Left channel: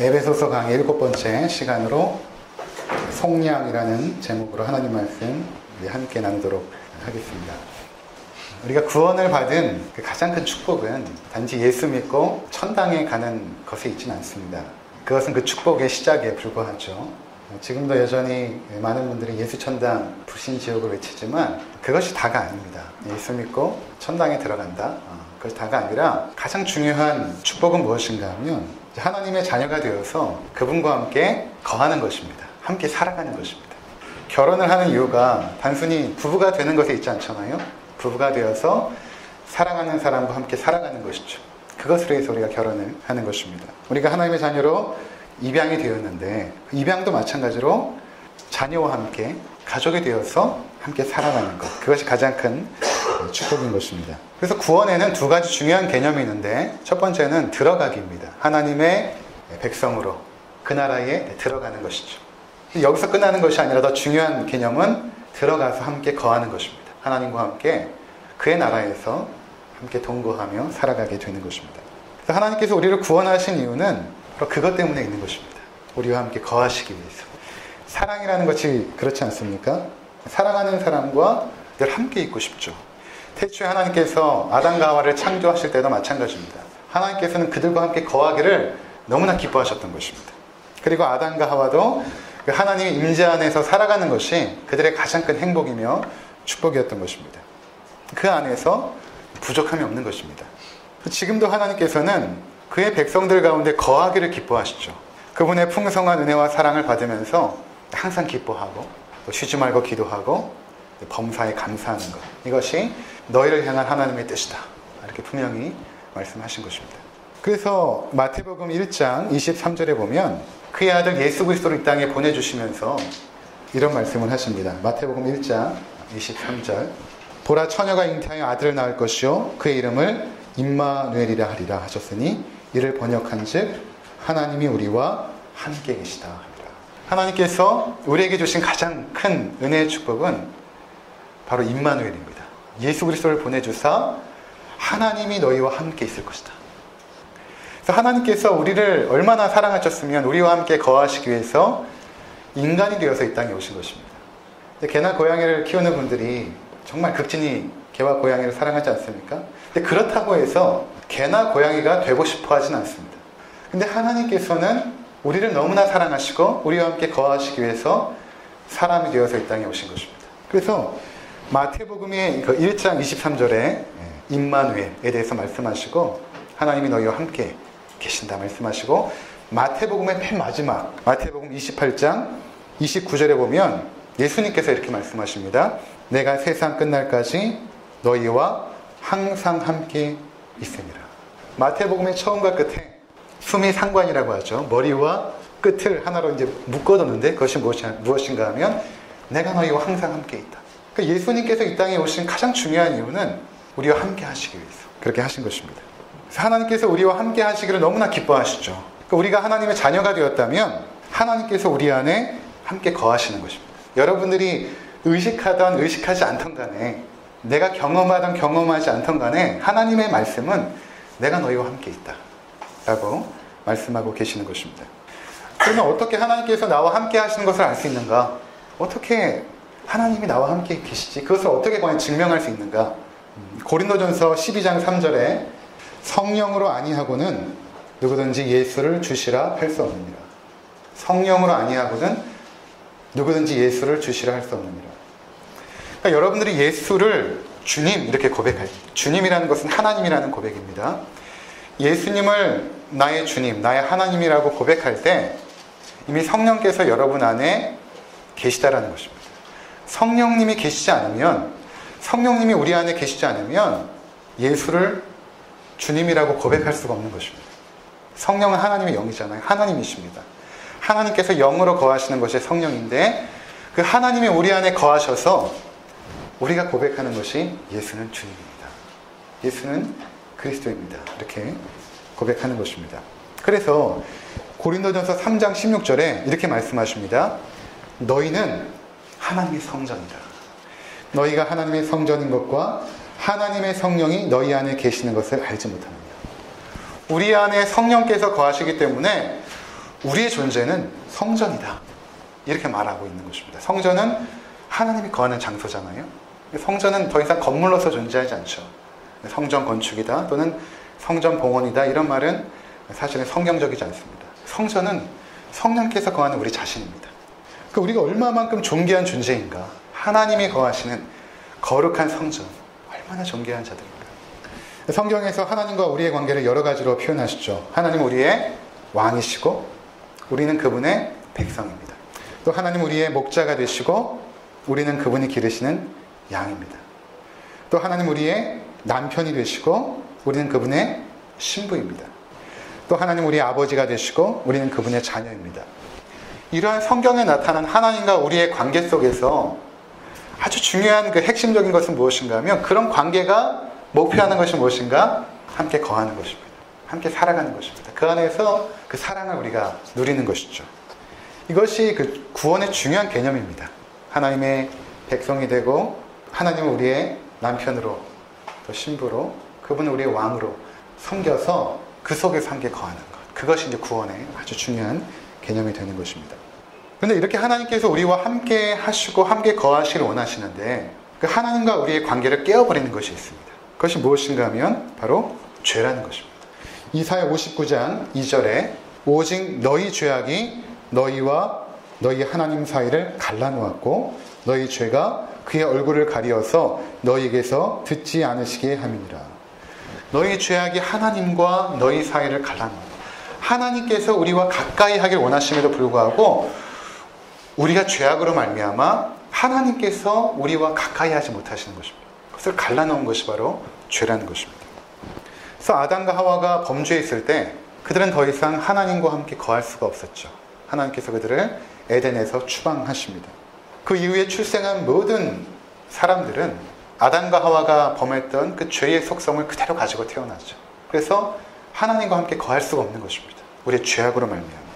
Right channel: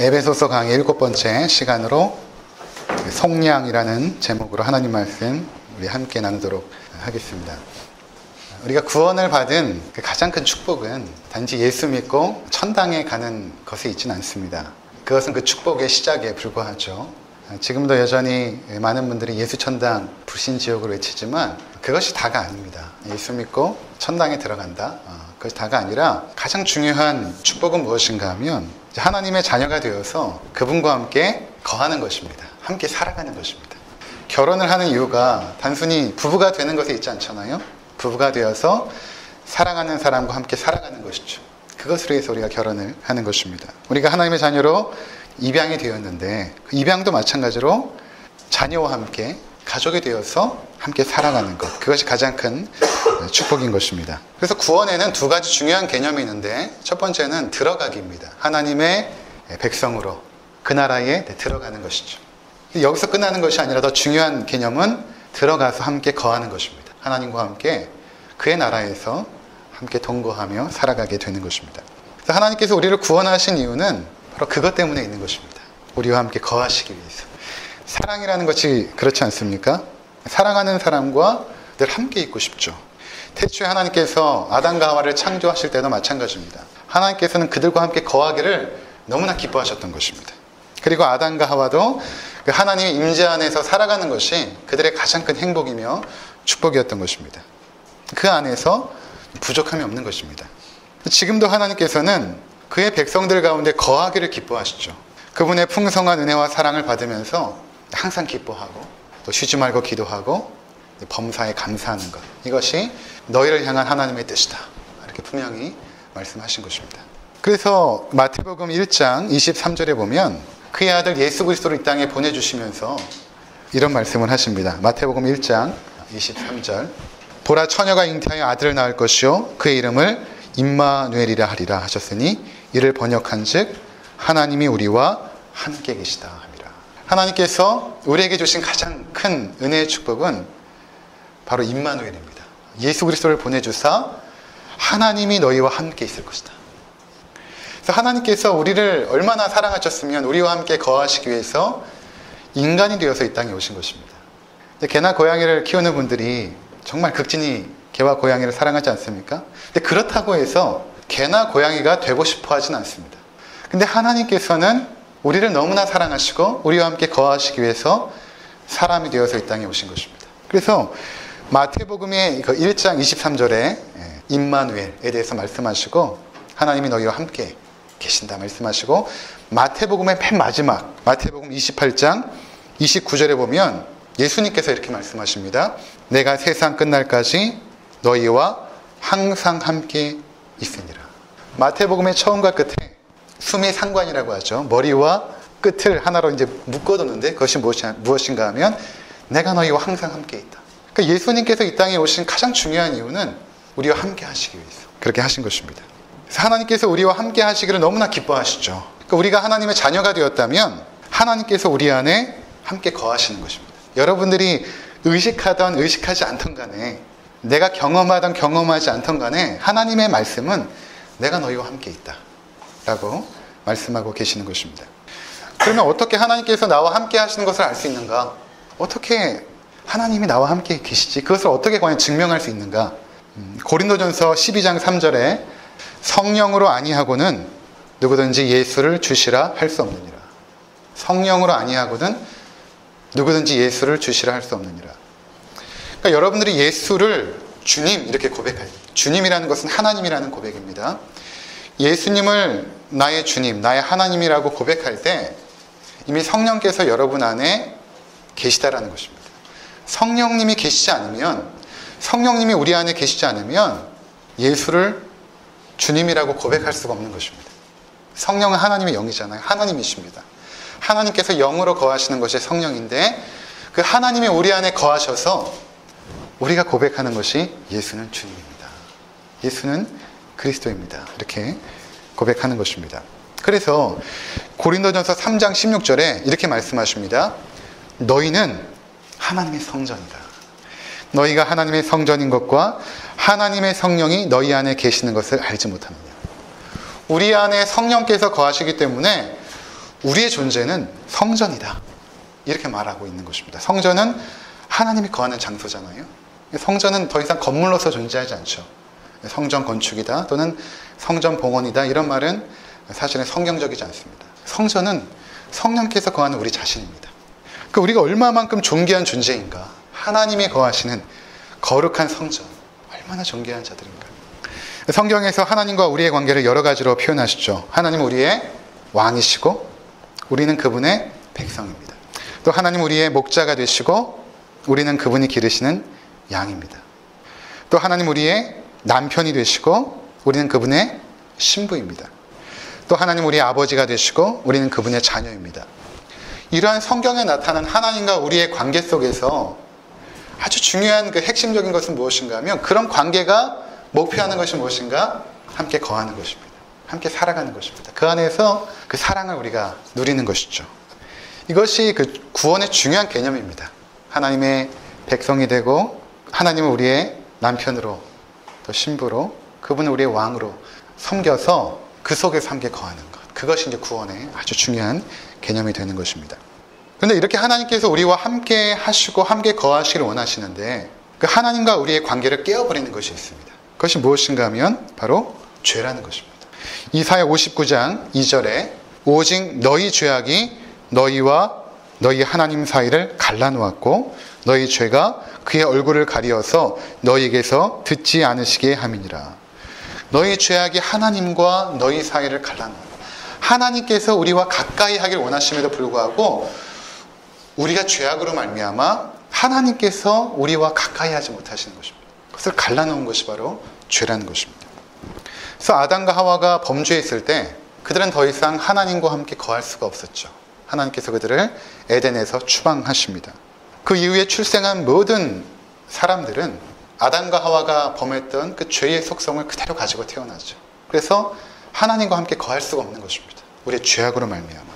에베소서 강의 7번째 시간으로 속량이라는 제목으로 하나님 말씀 우리 함께 나누도록 하겠습니다. 우리가 구원을 받은 가장 큰 축복은 단지 예수 믿고 천당에 가는 것에 있지는 않습니다. 그것은 그 축복의 시작에 불과하죠. 지금도 여전히 많은 분들이 예수 천당, 불신 지옥을 외치지만 그것이 다가 아닙니다. 예수 믿고 천당에 들어간다. 그것이 다가 아니라 가장 중요한 축복은 무엇인가 하면 하나님의 자녀가 되어서 그분과 함께 거하는 것입니다. 함께 살아가는 것입니다. 결혼을 하는 이유가 단순히 부부가 되는 것에 있지 않잖아요. 부부가 되어서 사랑하는 사람과 함께 살아가는 것이죠. 그것을 위해서 우리가 결혼을 하는 것입니다. 우리가 하나님의 자녀로 입양이 되었는데 그 입양도 마찬가지로 자녀와 함께 가족이 되어서 함께 살아가는 것, 그것이 가장 큰 축복인 것입니다. 그래서 구원에는 두 가지 중요한 개념이 있는데 첫 번째는 들어가기입니다. 하나님의 백성으로 그 나라에 들어가는 것이죠. 여기서 끝나는 것이 아니라 더 중요한 개념은 들어가서 함께 거하는 것입니다. 하나님과 함께 그의 나라에서 함께 동거하며 살아가게 되는 것입니다. 그래서 하나님께서 우리를 구원하신 이유는 바로 그것 때문에 있는 것입니다. 우리와 함께 거하시기 위해서. 사랑이라는 것이 그렇지 않습니까? 사랑하는 사람과 늘 함께 있고 싶죠. 태초에 하나님께서 아담과 하와를 창조하실 때도 마찬가지입니다. 하나님께서는 그들과 함께 거하기를 너무나 기뻐하셨던 것입니다. 그리고 아담과 하와도 하나님의 임재 안에서 살아가는 것이 그들의 가장 큰 행복이며 축복이었던 것입니다. 그 안에서 부족함이 없는 것입니다. 지금도 하나님께서는 그의 백성들 가운데 거하기를 기뻐하시죠. 그분의 풍성한 은혜와 사랑을 받으면서 항상 기뻐하고 또 쉬지 말고 기도하고 범사에 감사하는 것, 이것이 너희를 향한 하나님의 뜻이다, 이렇게 분명히 말씀하신 것입니다. 그래서 마태복음 1장 23절에 보면 그의 아들 예수 그리스도를 이 땅에 보내주시면서 이런 말씀을 하십니다. 마태복음 1장 23절, 보라 처녀가 잉태하여 아들을 낳을 것이요 그의 이름을 임마누엘이라 하리라 하셨으니 이를 번역한즉 하나님이 우리와 함께 계시다 합니다. 하나님께서 우리에게 주신 가장 큰 은혜의 축복은 바로 임마누엘입니다. 예수 그리스도를 보내주사 하나님이 너희와 함께 있을 것이다. 그래서 하나님께서 우리를 얼마나 사랑하셨으면 우리와 함께 거하시기 위해서 인간이 되어서 이 땅에 오신 것입니다. 개나 고양이를 키우는 분들이 정말 극진히 개와 고양이를 사랑하지 않습니까? 근데 그렇다고 해서 개나 고양이가 되고 싶어 하진 않습니다. 근데 하나님께서는 우리를 너무나 사랑하시고 우리와 함께 거하시기 위해서 사람이 되어서 이 땅에 오신 것입니다. 그래서 마태복음의 1장 23절에 임마누엘에 대해서 말씀하시고 하나님이 너희와 함께 계신다 말씀하시고, 마태복음의 맨 마지막 마태복음 28장 29절에 보면 예수님께서 이렇게 말씀하십니다. 내가 세상 끝날까지 너희와 항상 함께 있으니라. 마태복음의 처음과 끝에 수미 상관이라고 하죠. 머리와 끝을 하나로 이제 묶어두는데 그것이 무엇인가 하면 내가 너희와 항상 함께 있다. 그러니까 예수님께서 이 땅에 오신 가장 중요한 이유는 우리와 함께 하시기 위해서 그렇게 하신 것입니다. 그래서 하나님께서 우리와 함께 하시기를 너무나 기뻐하시죠. 그러니까 우리가 하나님의 자녀가 되었다면 하나님께서 우리 안에 함께 거하시는 것입니다. 여러분들이 의식하던 의식하지 않던 간에, 내가 경험하던 경험하지 않던 간에 하나님의 말씀은 내가 너희와 함께 있다 라고 말씀하고 계시는 것입니다. 그러면 어떻게 하나님께서 나와 함께 하시는 것을 알 수 있는가? 어떻게 하나님이 나와 함께 계시지? 그것을 어떻게 과연 증명할 수 있는가? 고린도전서 12장 3절에 성령으로 아니하고는 누구든지 예수를 주시라 할 수 없느니라. 성령으로 아니하고는 누구든지 예수를 주시라 할 수 없느니라. 그러니까 여러분들이 예수를 주님 이렇게 고백할, 주님이라는 것은 하나님이라는 고백입니다. 예수님을 나의 주님, 나의 하나님이라고 고백할 때 이미 성령께서 여러분 안에 계시다라는 것입니다. 성령님이 계시지 않으면, 성령님이 우리 안에 계시지 않으면 예수를 주님이라고 고백할 수가 없는 것입니다. 성령은 하나님의 영이잖아요. 하나님이십니다. 하나님께서 영으로 거하시는 것이 성령인데 그 하나님이 우리 안에 거하셔서 우리가 고백하는 것이 예수는 주님입니다. 예수는 그리스도입니다. 이렇게 고백하는 것입니다. 그래서 고린도전서 3장 16절에 이렇게 말씀하십니다. 너희는 하나님의 성전이다. 너희가 하나님의 성전인 것과 하나님의 성령이 너희 안에 계시는 것을 알지 못하느냐. 우리 안에 성령께서 거하시기 때문에 우리의 존재는 성전이다. 이렇게 말하고 있는 것입니다. 성전은 하나님이 거하는 장소잖아요. 성전은 더 이상 건물로서 존재하지 않죠. 성전 건축이다 또는 성전 봉헌이다 이런 말은 사실은 성경적이지 않습니다. 성전은 성령께서 거하는 우리 자신입니다. 그러니까 우리가 얼마만큼 존귀한 존재인가. 하나님이 거하시는 거룩한 성전, 얼마나 존귀한 자들인가. 성경에서 하나님과 우리의 관계를 여러 가지로 표현하시죠. 하나님은 우리의 왕이시고 우리는 그분의 백성입니다. 또 하나님 우리의 목자가 되시고 우리는 그분이 기르시는 양입니다. 또 하나님 우리의 남편이 되시고 우리는 그분의 신부입니다. 또 하나님 우리의 아버지가 되시고 우리는 그분의 자녀입니다. 이러한 성경에 나타난 하나님과 우리의 관계 속에서 아주 중요한 그 핵심적인 것은 무엇인가 하면 그런 관계가 목표하는 것이 무엇인가? 함께 거하는 것입니다. 함께 살아가는 것입니다. 그 안에서 그 사랑을 우리가 누리는 것이죠. 이것이 그 구원의 중요한 개념입니다. 하나님의 백성이 되고 하나님은 우리의 남편으로 또 신부로 그분은 우리의 왕으로 섬겨서 그 속에서 함께 거하는 것. 그것이 이제 구원의 아주 중요한 개념이 되는 것입니다. 그런데 이렇게 하나님께서 우리와 함께 하시고 함께 거하시기를 원하시는데 그 하나님과 우리의 관계를 깨어버리는 것이 있습니다. 그것이 무엇인가 하면 바로 죄라는 것입니다. 이사야 59장 2절에 오직 너희 죄악이 너희와 너희 하나님 사이를 갈라놓았고 너희 죄가 그의 얼굴을 가리어서 너희에게서 듣지 않으시게 함이니라. 너희 죄악이 하나님과 너희 사이를 갈라놓았다. 하나님께서 우리와 가까이 하길 원하심에도 불구하고 우리가 죄악으로 말미암아 하나님께서 우리와 가까이 하지 못하시는 것입니다. 그것을 갈라놓은 것이 바로 죄라는 것입니다. 그래서 아담과 하와가 범죄했을 때 그들은 더 이상 하나님과 함께 거할 수가 없었죠. 하나님께서 그들을 에덴에서 추방하십니다. 그 이후에 출생한 모든 사람들은 아담과 하와가 범했던 그 죄의 속성을 그대로 가지고 태어나죠. 그래서 하나님과 함께 거할 수가 없는 것입니다. 우리의 죄악으로 말미암아.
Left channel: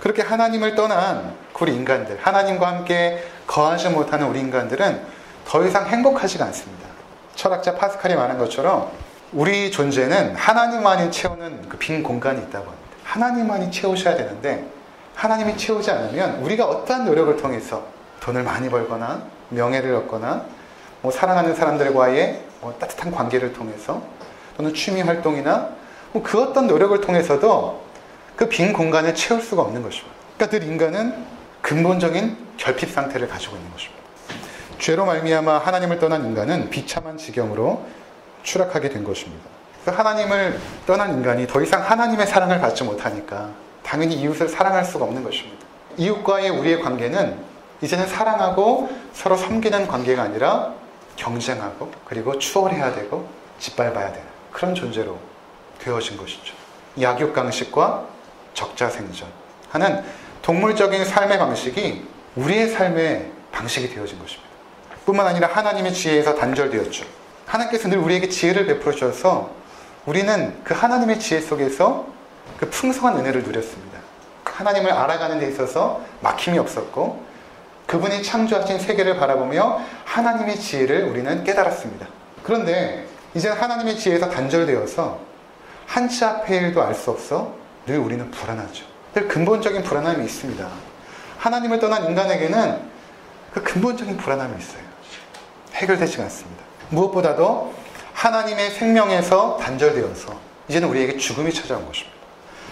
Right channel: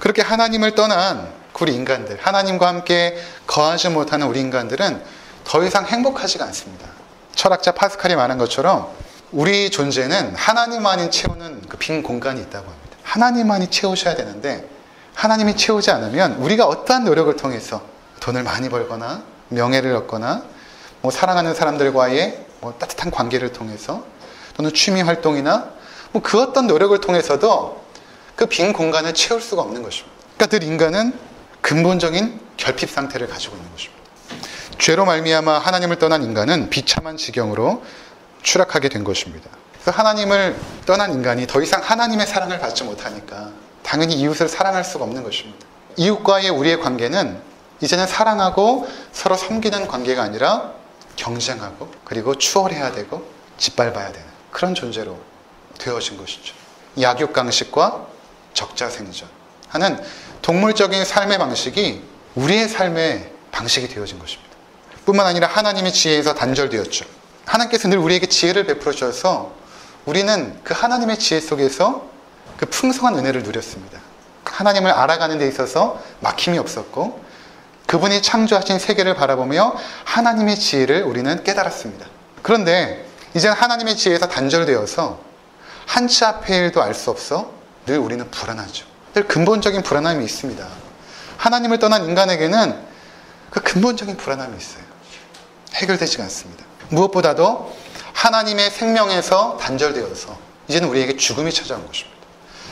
그렇게 하나님을 떠난 우리 인간들, 하나님과 함께 거하지 못하는 우리 인간들은 더 이상 행복하지가 않습니다. 철학자 파스칼이 말한 것처럼 우리 존재는 하나님만이 채우는 그 빈 공간이 있다고 합니다. 하나님만이 채우셔야 되는데 하나님이 채우지 않으면 우리가 어떠한 노력을 통해서 돈을 많이 벌거나 명예를 얻거나 사랑하는 사람들과의 따뜻한 관계를 통해서 또는 취미 활동이나 그 어떤 노력을 통해서도 그 빈 공간을 채울 수가 없는 것입니다. 그러니까 늘 인간은 근본적인 결핍 상태를 가지고 있는 것입니다. 죄로 말미암아 하나님을 떠난 인간은 비참한 지경으로 추락하게 된 것입니다. 그래서 하나님을 떠난 인간이 더 이상 하나님의 사랑을 받지 못하니까 당연히 이웃을 사랑할 수가 없는 것입니다. 이웃과의 우리의 관계는 이제는 사랑하고 서로 섬기는 관계가 아니라 경쟁하고 그리고 추월해야 되고 짓밟아야 되는 그런 존재로 되어진 것이죠. 약육강식과 적자생존 하는 동물적인 삶의 방식이 우리의 삶의 방식이 되어진 것입니다. 뿐만 아니라 하나님의 지혜에서 단절되었죠. 하나님께서 늘 우리에게 지혜를 베풀어 주셔서 우리는 그 하나님의 지혜 속에서 그 풍성한 은혜를 누렸습니다. 하나님을 알아가는 데 있어서 막힘이 없었고 그분이 창조하신 세계를 바라보며 하나님의 지혜를 우리는 깨달았습니다. 그런데 이제는 하나님의 지혜에서 단절되어서 한치 앞의 일도 알 수 없어 늘 우리는 불안하죠. 늘 근본적인 불안함이 있습니다. 하나님을 떠난 인간에게는 그 근본적인 불안함이 있어요. 해결되지가 않습니다. 무엇보다도 하나님의 생명에서 단절되어서 이제는 우리에게 죽음이 찾아온 것입니다.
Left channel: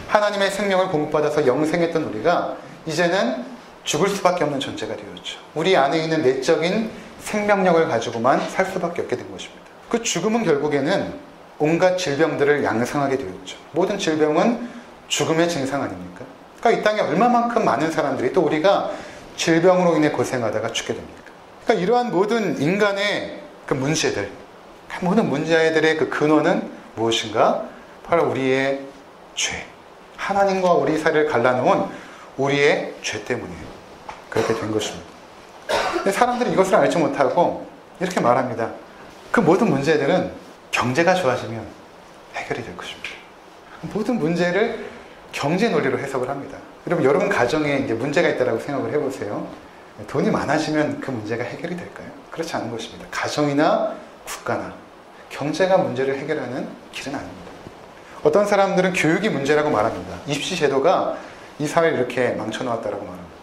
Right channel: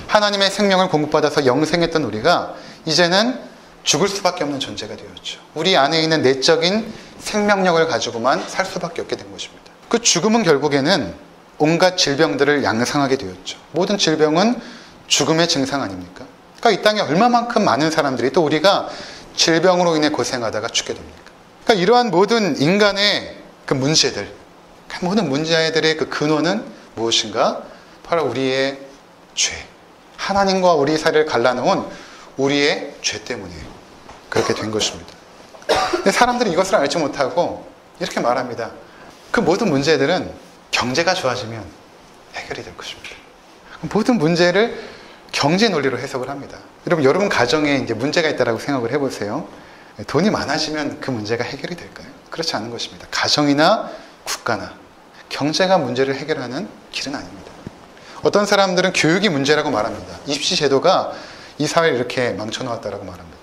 하나님의 생명을 공급받아서 영생했던 우리가 이제는 죽을 수밖에 없는 존재가 되었죠. 우리 안에 있는 내적인 생명력을 가지고만 살 수밖에 없게 된 것입니다. 그 죽음은 결국에는 온갖 질병들을 양상하게 되었죠. 모든 질병은 죽음의 증상 아닙니까? 그러니까 이 땅에 얼마만큼 많은 사람들이 또 우리가 질병으로 인해 고생하다가 죽게 됩니까? 그러니까 이러한 모든 인간의 그 문제들, 모든 문제들의 그 근원은 무엇인가? 바로 우리의 죄. 하나님과 우리 사이를 갈라놓은 우리의 죄 때문에 그렇게 된 것입니다. 근데 사람들이 이것을 알지 못하고 이렇게 말합니다. 그 모든 문제들은 경제가 좋아지면 해결이 될 것입니다. 모든 문제를 경제 논리로 해석을 합니다. 여러분 가정에 이제 문제가 있다고 생각을 해보세요. 돈이 많아지면 그 문제가 해결이 될까요? 그렇지 않은 것입니다. 가정이나 국가나 경제가 문제를 해결하는 길은 아닙니다. 어떤 사람들은 교육이 문제라고 말합니다. 입시 제도가 이 사회를 이렇게 망쳐놓았다라고 말합니다.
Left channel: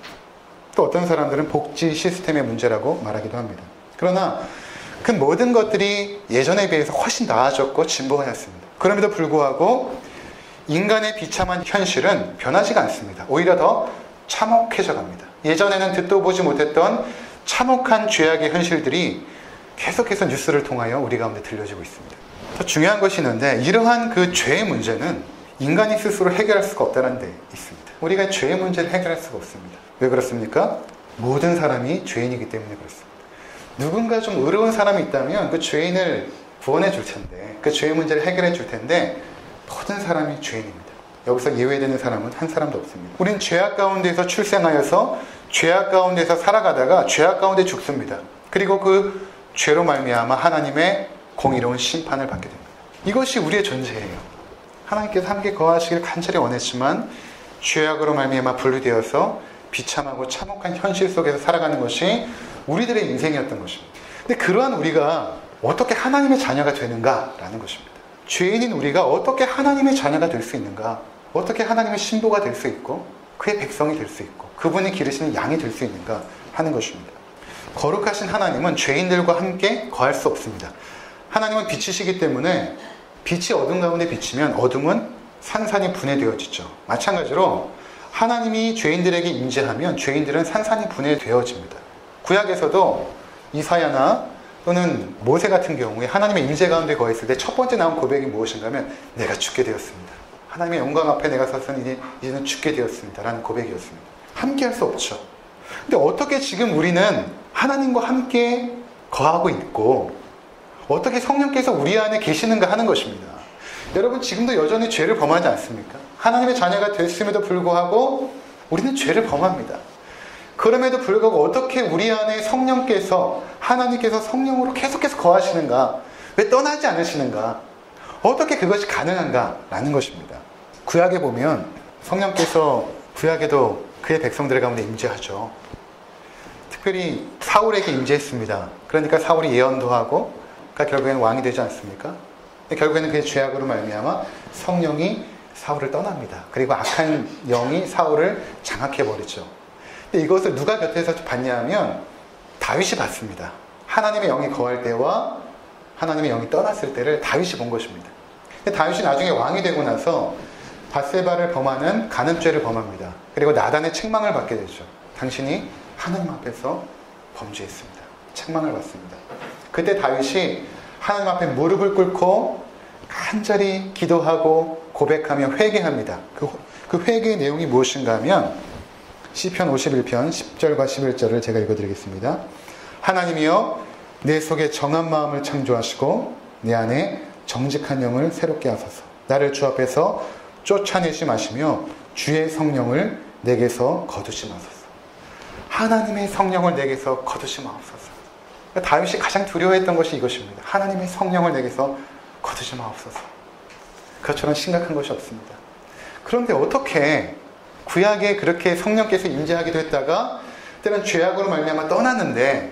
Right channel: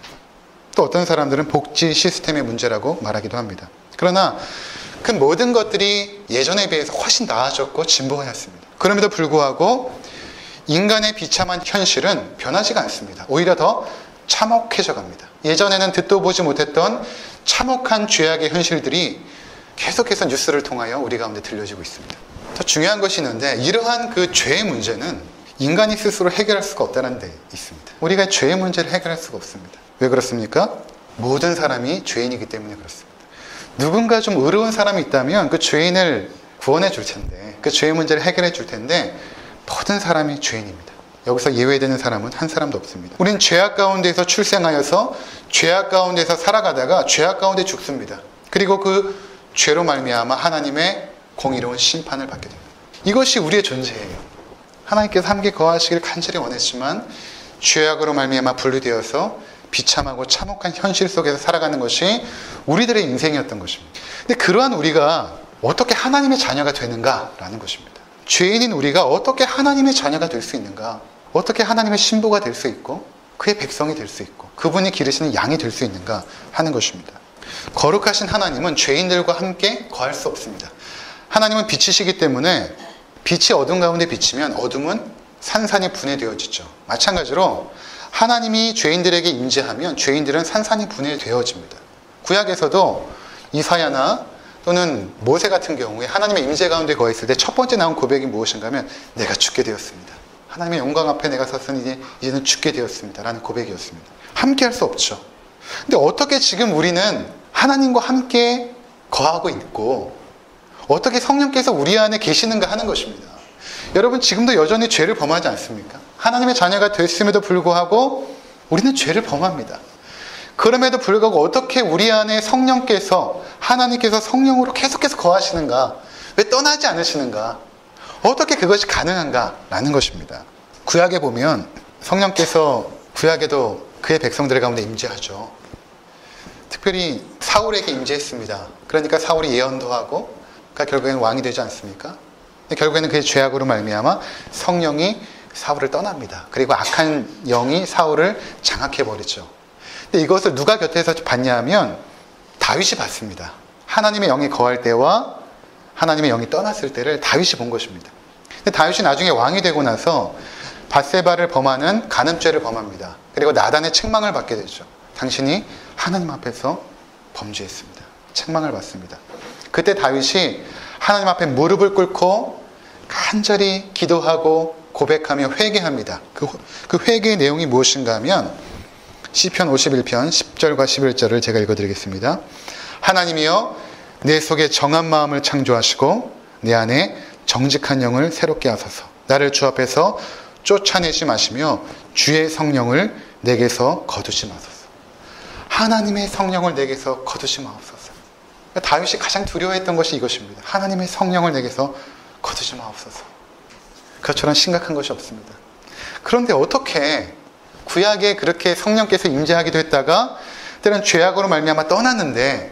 또 어떤 사람들은 복지 시스템의 문제라고 말하기도 합니다. 그러나 그 모든 것들이 예전에 비해서 훨씬 나아졌고 진보하였습니다. 그럼에도 불구하고 인간의 비참한 현실은 변하지가 않습니다. 오히려 더 참혹해져 갑니다. 예전에는 듣도 보지 못했던 참혹한 죄악의 현실들이 계속해서 뉴스를 통하여 우리 가운데 들려지고 있습니다. 더 중요한 것이 있는데 이러한 그 죄의 문제는 인간이 스스로 해결할 수가 없다는 데 있습니다. 우리가 죄의 문제를 해결할 수가 없습니다. 왜 그렇습니까? 모든 사람이 죄인이기 때문에 그렇습니다. 누군가 좀 의로운 사람이 있다면 그 죄인을 구원해 줄 텐데, 그 죄의 문제를 해결해 줄 텐데 모든 사람이 죄인입니다. 여기서 예외되는 사람은 한 사람도 없습니다. 우리는 죄악 가운데서 출생하여서 죄악 가운데서 살아가다가 죄악 가운데 죽습니다. 그리고 그 죄로 말미암아 하나님의 공의로운 심판을 받게 됩니다. 이것이 우리의 존재예요. 하나님께서 함께 거하시길 간절히 원했지만 죄악으로 말미암아 분리되어서 비참하고 참혹한 현실 속에서 살아가는 것이 우리들의 인생이었던 것입니다. 근데 그러한 우리가 어떻게 하나님의 자녀가 되는가라는 것입니다. 죄인인 우리가 어떻게 하나님의 자녀가 될 수 있는가? 어떻게 하나님의 신부가 될 수 있고 그의 백성이 될 수 있고 그분이 기르시는 양이 될 수 있는가 하는 것입니다. 거룩하신 하나님은 죄인들과 함께 거할 수 없습니다. 하나님은 빛이시기 때문에 빛이 어둠 가운데 비치면 어둠은 산산이 분해되어지죠. 마찬가지로 하나님이 죄인들에게 임재하면 죄인들은 산산이 분해되어집니다. 구약에서도 이사야나 또는 모세 같은 경우에 하나님의 임재 가운데 거했을 때 첫 번째 나온 고백이 무엇인가 하면 내가 죽게 되었습니다. 하나님의 영광 앞에 내가 섰으니 이제는 죽게 되었습니다. 라는 고백이었습니다. 함께 할 수 없죠. 근데 어떻게 지금 우리는 하나님과 함께 거하고 있고 어떻게 성령께서 우리 안에 계시는가 하는 것입니다. 여러분 지금도 여전히 죄를 범하지 않습니까? 하나님의 자녀가 됐음에도 불구하고 우리는 죄를 범합니다. 그럼에도 불구하고 어떻게 우리 안에 성령께서 하나님께서 성령으로 계속해서 거하시는가? 왜 떠나지 않으시는가? 어떻게 그것이 가능한가? 라는 것입니다. 구약에 보면 성령께서 구약에도 그의 백성들 가운데 임재하죠. 특별히 사울에게 임재했습니다. 그러니까 사울이 예언도 하고 결국에는 왕이 되지 않습니까? 결국에는 그의 죄악으로 말미암아 성령이 사울을 떠납니다. 그리고 악한 영이 사울을 장악해버리죠. 근데 이것을 누가 곁에서 봤냐 하면 다윗이 봤습니다. 하나님의 영이 거할 때와 하나님의 영이 떠났을 때를 다윗이 본 것입니다. 근데 다윗이 나중에 왕이 되고 나서 밧세바를 범하는 간음죄를 범합니다. 그리고 나단의 책망을 받게 되죠. 당신이 하나님 앞에서 범죄했습니다. 책망을 받습니다. 그때 다윗이 하나님 앞에 무릎을 꿇고 간절히 기도하고 고백하며 회개합니다. 그 회개의 내용이 무엇인가 하면 시편 51편 10절과 11절을 제가 읽어드리겠습니다. 하나님이여 내 속에 정한 마음을 창조하시고 내 안에 정직한 영을 새롭게 하소서. 나를 주 앞에서 쫓아내지 마시며 주의 성령을 내게서 거두지 마소서. 하나님의 성령을 내게서 거두지 마옵소서. 다윗이 가장 두려워했던 것이 이것입니다. 하나님의 성령을 내게서 거두지 마옵소서. 그것처럼 심각한 것이 없습니다. 그런데 어떻게 구약에 그렇게 성령께서 임재하기도 했다가 때는 죄악으로 말미암아 떠났는데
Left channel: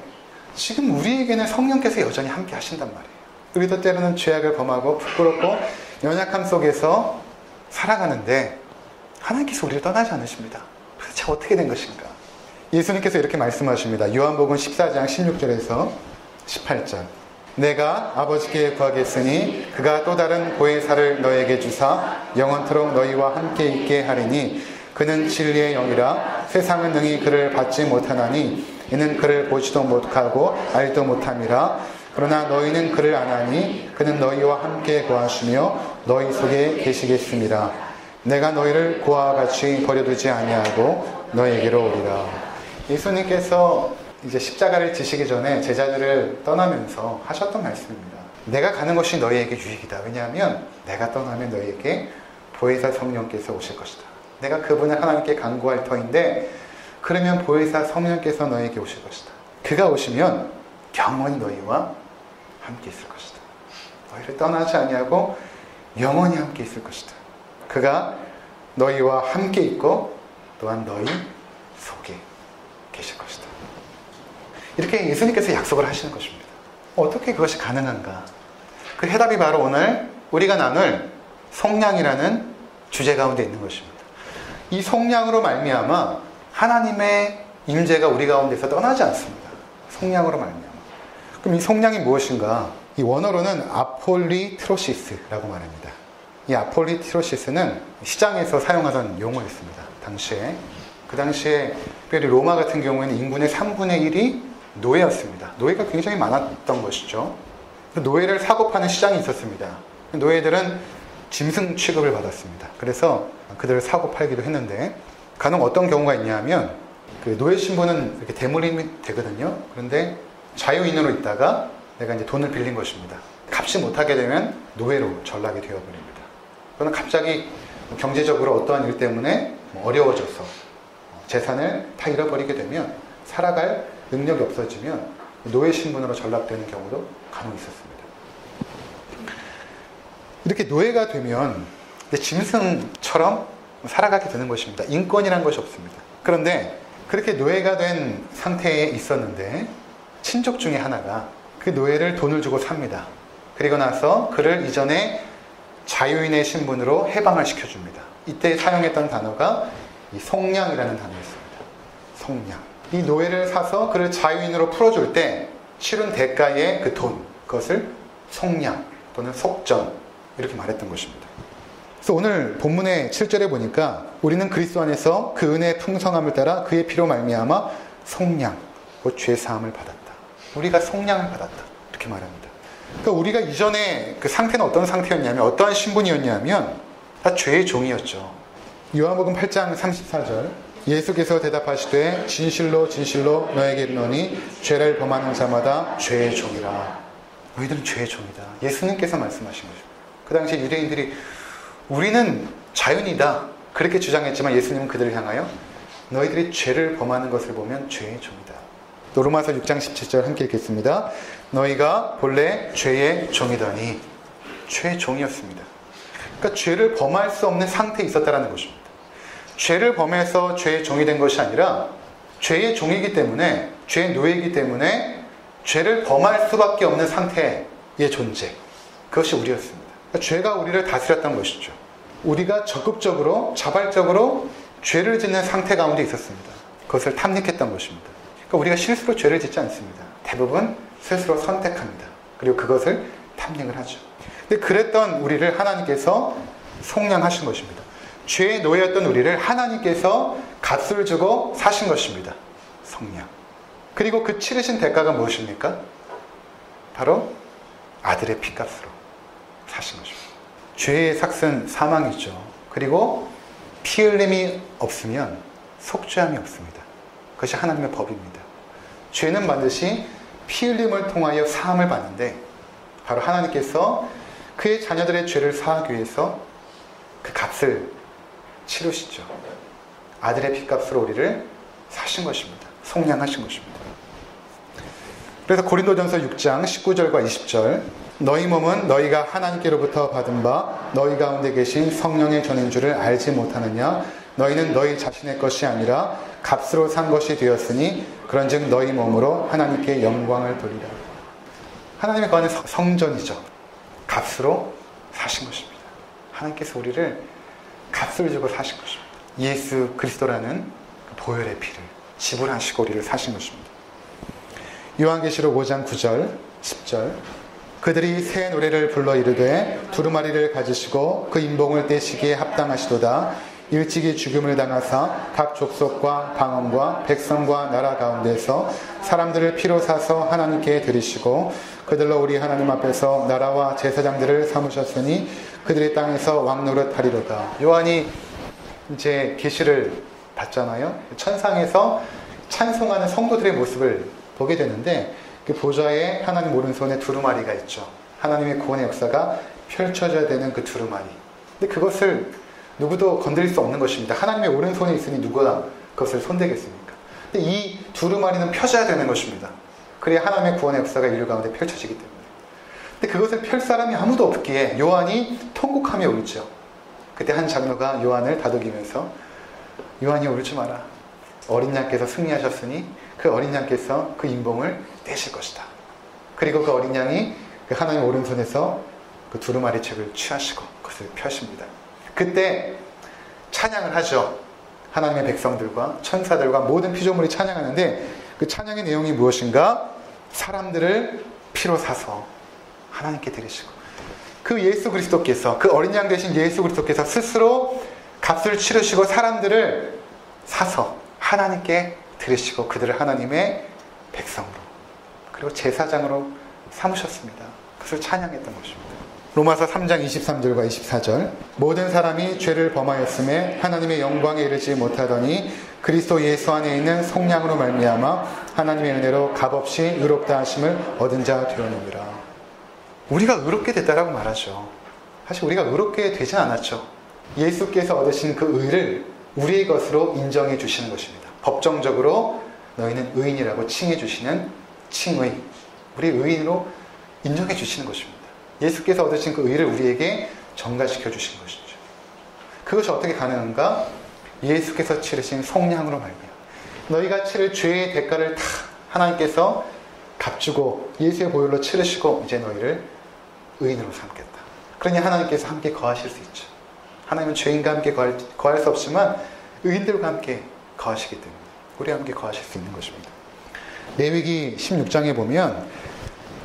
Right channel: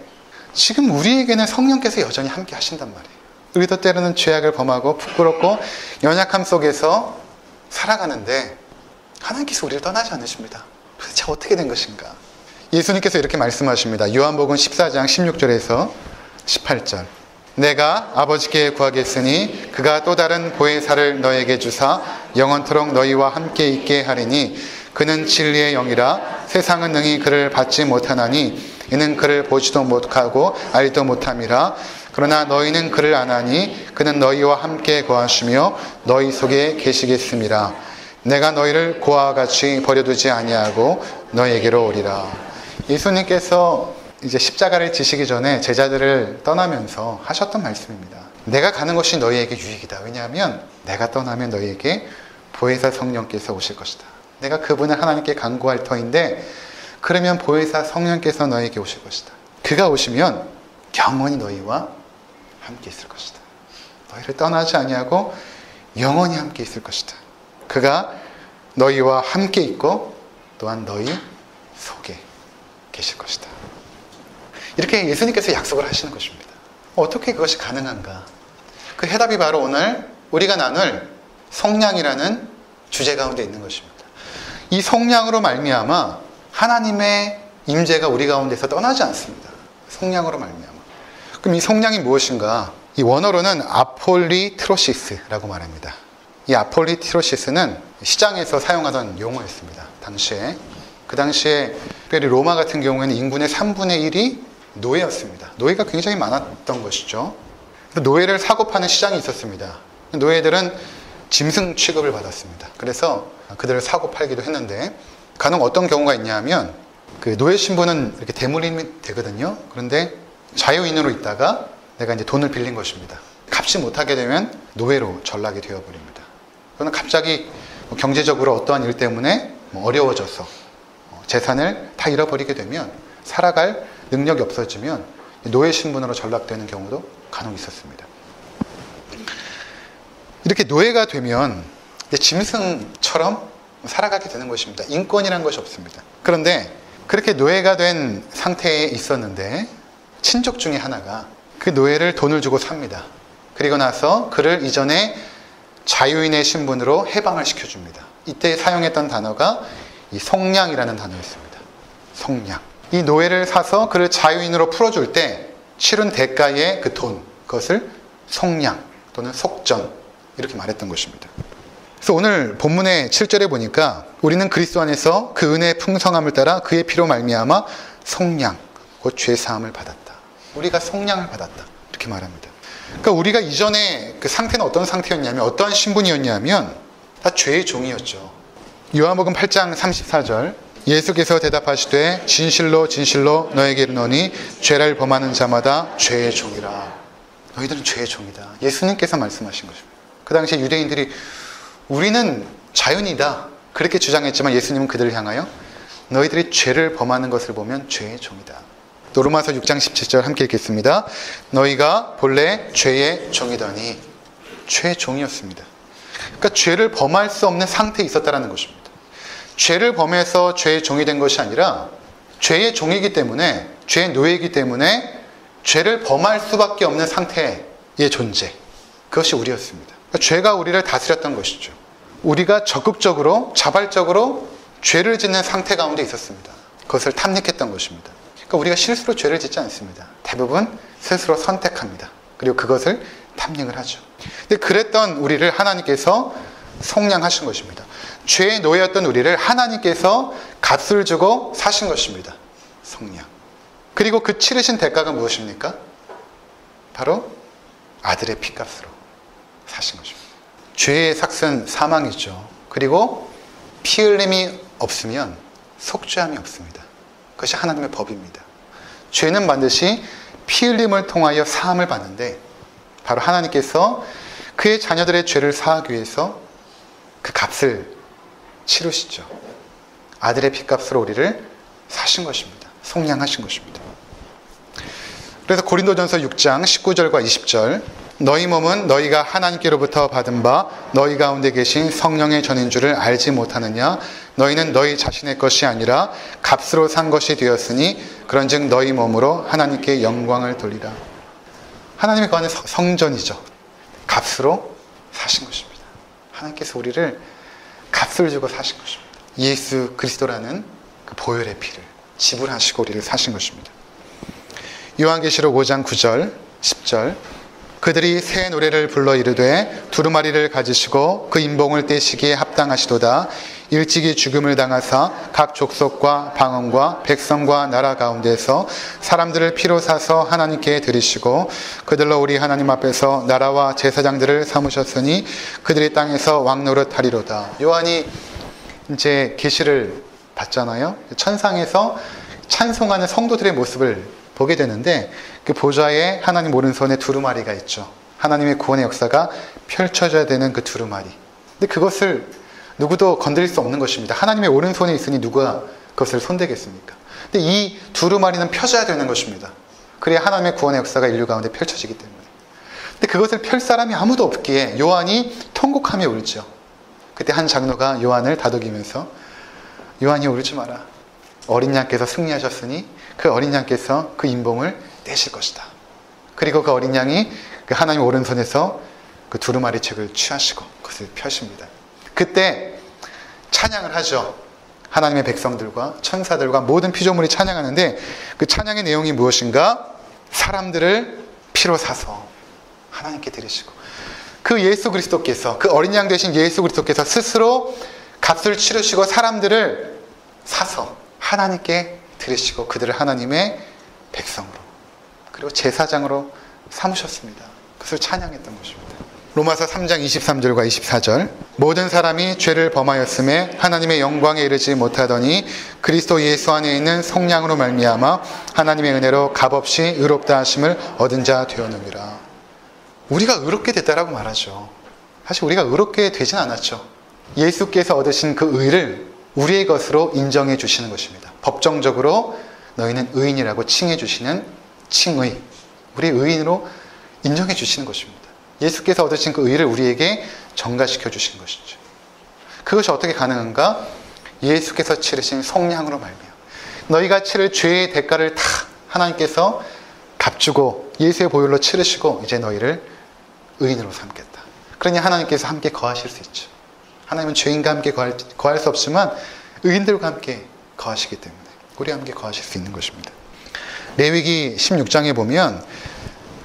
지금 우리에게는 성령께서 여전히 함께 하신단 말이에요. 우리도 때로는 죄악을 범하고 부끄럽고 연약함 속에서 살아가는데 하나님께서 우리를 떠나지 않으십니다. 도대체 어떻게 된 것인가? 예수님께서 이렇게 말씀하십니다. 요한복음 14장 16절에서 18절. 내가 아버지께 구하겠으니 그가 또 다른 보혜사를 너에게 주사 영원토록 너희와 함께 있게 하리니 그는 진리의 영이라 세상은 능히 그를 받지 못하나니 이는 그를 보지도 못하고 알지도 못함이라. 그러나 너희는 그를 아나니 그는 너희와 함께 거하시며 너희 속에 계시겠음이라. 내가 너희를 고아와 같이 버려두지 아니하고 너희에게로 오리라. 예수님께서 이제 십자가를 지시기 전에 제자들을 떠나면서 하셨던 말씀입니다. 내가 가는 것이 너희에게 유익이다. 왜냐하면 내가 떠나면 너희에게 보혜사 성령께서 오실 것이다. 내가 그분을 하나님께 간구할 터인데 그러면 보혜사 성령께서 너희에게 오실 것이다. 그가 오시면 영원히 너희와 함께 있을 것이다. 너희를 떠나지 아니하고 영원히 함께 있을 것이다. 그가 너희와 함께 있고 또한 너희 속에 계실 것이다. 이렇게 예수님께서 약속을 하시는 것입니다. 어떻게 그것이 가능한가? 그 해답이 바로 오늘 우리가 나눌 속량이라는 주제 가운데 있는 것입니다. 이 속량으로 말미암아 하나님의 임재가 우리 가운데서 떠나지 않습니다. 속량으로 말미암아. 그럼 이 속량이 무엇인가? 이 원어로는 아폴리트로시스라고 말합니다. 이 아폴리트로시스는 시장에서 사용하던 용어였습니다. 당시에. 그 당시에 특별히 로마 같은 경우에는 인구의 3분의 1이 노예였습니다. 노예가 굉장히 많았던 것이죠. 노예를 사고 파는 시장이 있었습니다. 노예들은 짐승 취급을 받았습니다. 그래서 그들을 사고 팔기도 했는데 간혹 어떤 경우가 있냐면 그 노예 신분은 이렇게 대물림이 되거든요. 그런데 자유인으로 있다가 내가 이제 돈을 빌린 것입니다. 갚지 못하게 되면 노예로 전락이 되어버립니다. 그러나 갑자기 경제적으로 어떠한 일 때문에 어려워져서 재산을 다 잃어버리게 되면 살아갈 능력이 없어지면 노예 신분으로 전락되는 경우도 간혹 있었습니다. 이렇게 노예가 되면 짐승처럼 살아가게 되는 것입니다. 인권이라는 것이 없습니다. 그런데 그렇게 노예가 된 상태에 있었는데 친족 중에 하나가 그 노예를 돈을 주고 삽니다. 그리고 나서 그를 이전에 자유인의 신분으로 해방을 시켜줍니다. 이때 사용했던 단어가 이 속량이라는 단어였습니다. 속량. 이 노예를 사서 그를 자유인으로 풀어줄 때 치른 대가의 그 돈, 그것을 속량 또는 속전 이렇게 말했던 것입니다. 그래서 오늘 본문의 7절에 보니까 우리는 그리스도 안에서 그 은혜의 풍성함을 따라 그의 피로 말미암아 속량, 곧 죄 사함을 받았다. 우리가 속량을 받았다. 이렇게 말합니다. 그러니까 우리가 이전에 그 상태는 어떤 상태였냐면 어떠한 신분이었냐면 다 죄의 종이었죠. 요한복음 8장 34절 예수께서 대답하시되 진실로 진실로 너에게 이르노니 죄를 범하는 자마다 죄의 종이라. 너희들은 죄의 종이다. 예수님께서 말씀하신 것입니다. 그 당시에 유대인들이 우리는 자유인이다 그렇게 주장했지만 예수님은 그들을 향하여 너희들이 죄를 범하는 것을 보면 죄의 종이다. 또 로마서 6장 17절 함께 읽겠습니다. 너희가 본래 죄의 종이더니 죄의 종이었습니다. 그러니까 죄를 범할 수 없는 상태에 있었다는 것입니다. 죄를 범해서 죄의 종이 된 것이 아니라 죄의 종이기 때문에 죄의 노예이기 때문에 죄를 범할 수밖에 없는 상태의 존재, 그것이 우리였습니다. 그러니까 죄가 우리를 다스렸던 것이죠. 우리가 적극적으로 자발적으로 죄를 짓는 상태 가운데 있었습니다. 그것을 탐닉했던 것입니다. 그러니까 우리가 실수로 죄를 짓지 않습니다. 대부분 스스로 선택합니다. 그리고 그것을 탐닉을 하죠. 근데 그랬던 우리를 하나님께서 속량하신 것입니다. 죄의 노예였던 우리를 하나님께서 값을 주고 사신 것입니다. 속량. 그리고 그 치르신 대가가 무엇입니까? 바로 아들의 피값으로 사신 것입니다. 죄의 삭은 사망이죠. 그리고 피 흘림이 없으면 속죄함이 없습니다. 그것이 하나님의 법입니다. 죄는 반드시 피 흘림을 통하여 사함을 받는데 바로 하나님께서 그의 자녀들의 죄를 사하기 위해서 그 값을 치르시죠. 아들의 피값으로 우리를 사신 것입니다. 속량하신 것입니다. 그래서 고린도전서 6장 19절과 20절 너희 몸은 너희가 하나님께로부터 받은 바 너희 가운데 계신 성령의 전인 줄을 알지 못하느냐. 너희는 너희 자신의 것이 아니라 값으로 산 것이 되었으니 그런즉 너희 몸으로 하나님께 영광을 돌리라. 하나님의 거는 성전이죠. 값으로 사신 것입니다. 하나님께서 우리를 값을 주고 사신 것입니다. 예수 그리스도라는 그 보혈의 피를 지불하시고 우리를 사신 것입니다. 요한계시록 5장 9절 10절 그들이 새 노래를 불러 이르되 두루마리를 가지시고 그 인봉을 떼시기에 합당하시도다. 일찍이 죽음을 당하사 각 족속과 방언과 백성과 나라 가운데서 사람들을 피로 사서 하나님께 드리시고 그들로 우리 하나님 앞에서 나라와 제사장들을 삼으셨으니 그들이 땅에서 왕노릇 하리로다. 요한이 이제 계시를 봤잖아요. 천상에서 찬송하는 성도들의 모습을 보게 되는데 그 보좌에 하나님 오른손에 두루마리가 있죠. 하나님의 구원의 역사가 펼쳐져야 되는 그 두루마리. 근데 그것을 누구도 건드릴 수 없는 것입니다. 하나님의 오른손에 있으니 누가 그것을 손대겠습니까? 근데 이 두루마리는 펴져야 되는 것입니다. 그래야 하나님의 구원의 역사가 인류 가운데 펼쳐지기 때문에. 근데 그것을 펼 사람이 아무도 없기에 요한이 통곡하며 울죠. 그때 한 장로가 요한을 다독이면서 요한이 울지 마라. 어린 양께서 승리하셨으니 그 어린 양께서 그 인봉을 떼실 것이다. 그리고 그 어린 양이 그 하나님 오른손에서 그 두루마리 책을 취하시고 그것을 펴십니다. 그때 찬양을 하죠. 하나님의 백성들과 천사들과 모든 피조물이 찬양하는데 그 찬양의 내용이 무엇인가? 사람들을 피로 사서 하나님께 드리시고 그 예수 그리스도께서 그 어린 양 되신 예수 그리스도께서 스스로 값을 치르시고 사람들을 사서 하나님께 드리시고 그들을 하나님의 백성으로 그리고 제사장으로 삼으셨습니다. 그것을 찬양했던 것입니다. 로마서 3장 23절과 24절 모든 사람이 죄를 범하였음에 하나님의 영광에 이르지 못하더니 그리스도 예수 안에 있는 성령으로 말미암아 하나님의 은혜로 값없이 의롭다 하심을 얻은 자 되었느니라. 우리가 의롭게 됐다라고 말하죠. 사실 우리가 의롭게 되진 않았죠. 예수께서 얻으신 그 의를 우리의 것으로 인정해 주시는 것입니다. 법정적으로 너희는 의인이라고 칭해 주시는 칭의, 우리의 의인으로 인정해 주시는 것입니다. 예수께서 얻으신 그 의를 우리에게 전가시켜 주신 것이죠. 그것이 어떻게 가능한가? 예수께서 치르신 성량으로 말미암아 너희가 치를 죄의 대가를 다 하나님께서 값주고 예수의 보혈로 치르시고 이제 너희를 의인으로 삼겠다. 그러니 하나님께서 함께 거하실 수 있죠. 하나님은 죄인과 함께 거할 수 없지만 의인들과 함께 거하시기 때문에 우리와 함께 거하실 수 있는 것입니다. 레위기 16장에 보면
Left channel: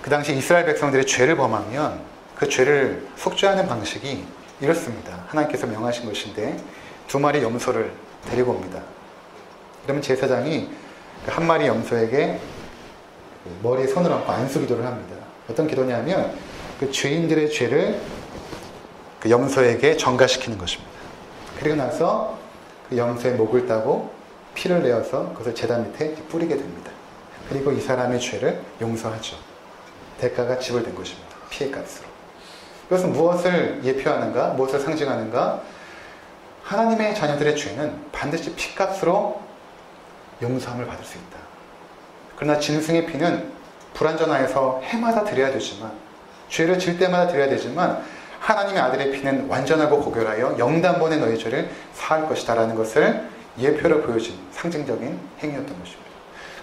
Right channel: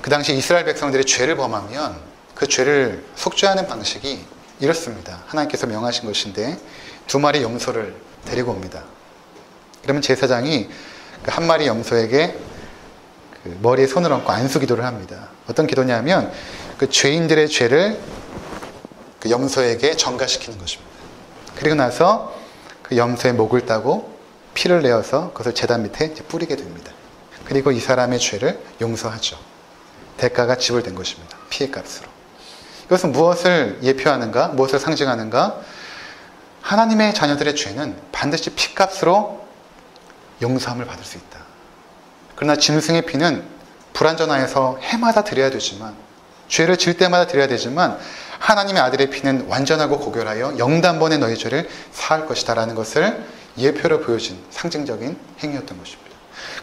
그 당시 이스라엘 백성들이 죄를 범하면 그 죄를 속죄하는 방식이 이렇습니다. 하나님께서 명하신 것인데 2마리 염소를 데리고 옵니다. 그러면 제사장이 그 1마리 염소에게 그 머리에 손을 얹고 안수 기도를 합니다. 어떤 기도냐면 그 죄인들의 죄를 그 염소에게 전가시키는 것입니다. 그리고 나서 그 염소의 목을 따고 피를 내어서 그것을 제단 밑에 뿌리게 됩니다. 그리고 이 사람의 죄를 용서하죠. 대가가 지불된 것입니다. 피의 값으로. 이것은 무엇을 예표하는가? 무엇을 상징하는가? 하나님의 자녀들의 죄는 반드시 피값으로 용서함을 받을 수 있다. 그러나 짐승의 피는 불완전하여서 해마다 드려야 되지만 죄를 질 때마다 드려야 되지만 하나님의 아들의 피는 완전하고 고결하여 영단번에 너희 죄를 사할 것이다 라는 것을 예표로 보여준 상징적인 행위였던 것입니다.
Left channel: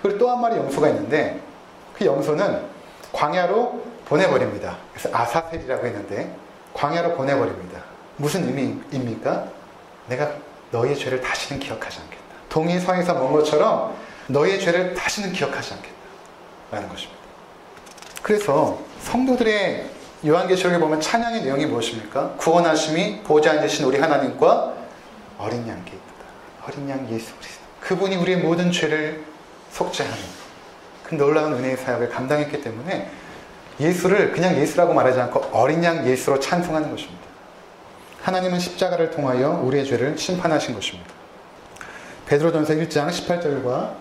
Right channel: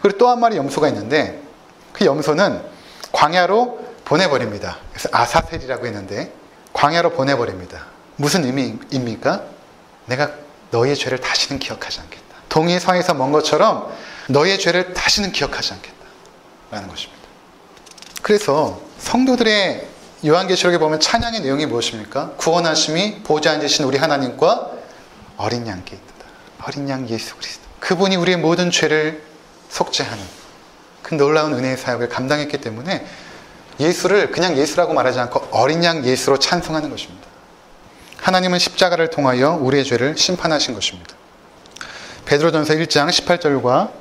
그리고 또 1마리 염소가 있는데 그 염소는 광야로 보내버립니다. 그래서 아사셀이라고 했는데 광야로 보내버립니다. 무슨 의미입니까? 내가 너희의 죄를 다시는 기억하지 않겠다. 동이 서에서 먼 것처럼 너희의 죄를 다시는 기억하지 않겠다 라는 것입니다. 그래서 성도들의 요한계시록에 보면 찬양의 내용이 무엇입니까? 구원하심이 보좌 앉으신 우리 하나님과 어린 양께 있다. 어린 양 예수 그리스도. 그분이 우리의 모든 죄를 속죄하는 그 놀라운 은혜의 사역을 감당했기 때문에 예수를 그냥 예수라고 말하지 않고 어린 양 예수로 찬송하는 것입니다. 하나님은 십자가를 통하여 우리의 죄를 심판하신 것입니다. 베드로전서 1장 18절과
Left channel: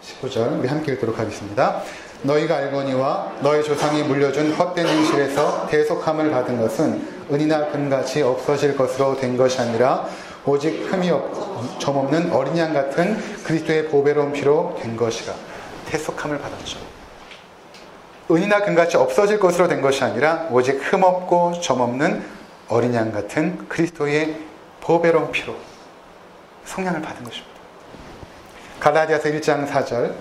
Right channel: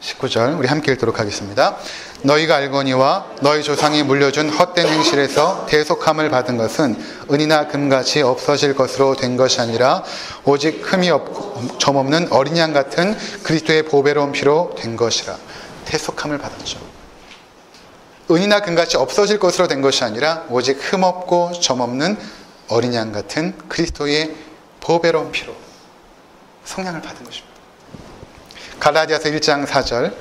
19절 우리 함께 읽도록 하겠습니다. 너희가 알거니와 너희 조상이 물려준 헛된 행실에서 대속함을 받은 것은 은이나 금같이 없어질 것으로 된 것이 아니라 오직 흠이 없고 점없는 어린 양 같은 그리스도의 보배로운 피로 된 것이라. 대속함을 받았죠. 은이나 금같이 없어질 것으로 된 것이 아니라 오직 흠없고 점없는 어린 양 같은 그리스도의 보배로운 피로 성량을 받은 것입니다. 갈라디아서 1장 4절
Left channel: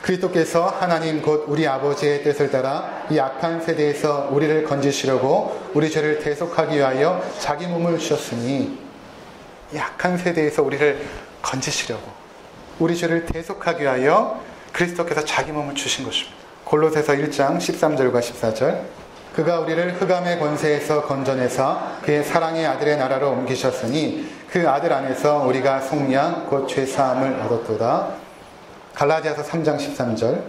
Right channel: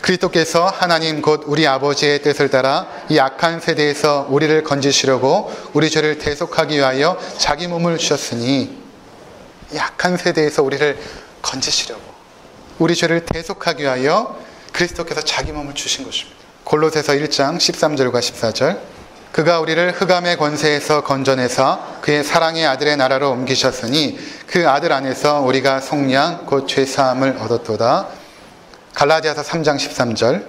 그리스도께서 하나님 곧 우리 아버지의 뜻을 따라 이 악한 세대에서 우리를 건지시려고 우리 죄를 대속하기 위하여 자기 몸을 주셨으니 이 악한 세대에서 우리를 건지시려고 우리 죄를 대속하기 위하여 그리스도께서 자기 몸을 주신 것입니다. 골로새서 1장 13절과 14절 그가 우리를 흑암의 권세에서 건져내사 그의 사랑의 아들의 나라로 옮기셨으니 그 아들 안에서 우리가 속량 곧 죄사함을 얻었도다. 갈라디아서 3장 13절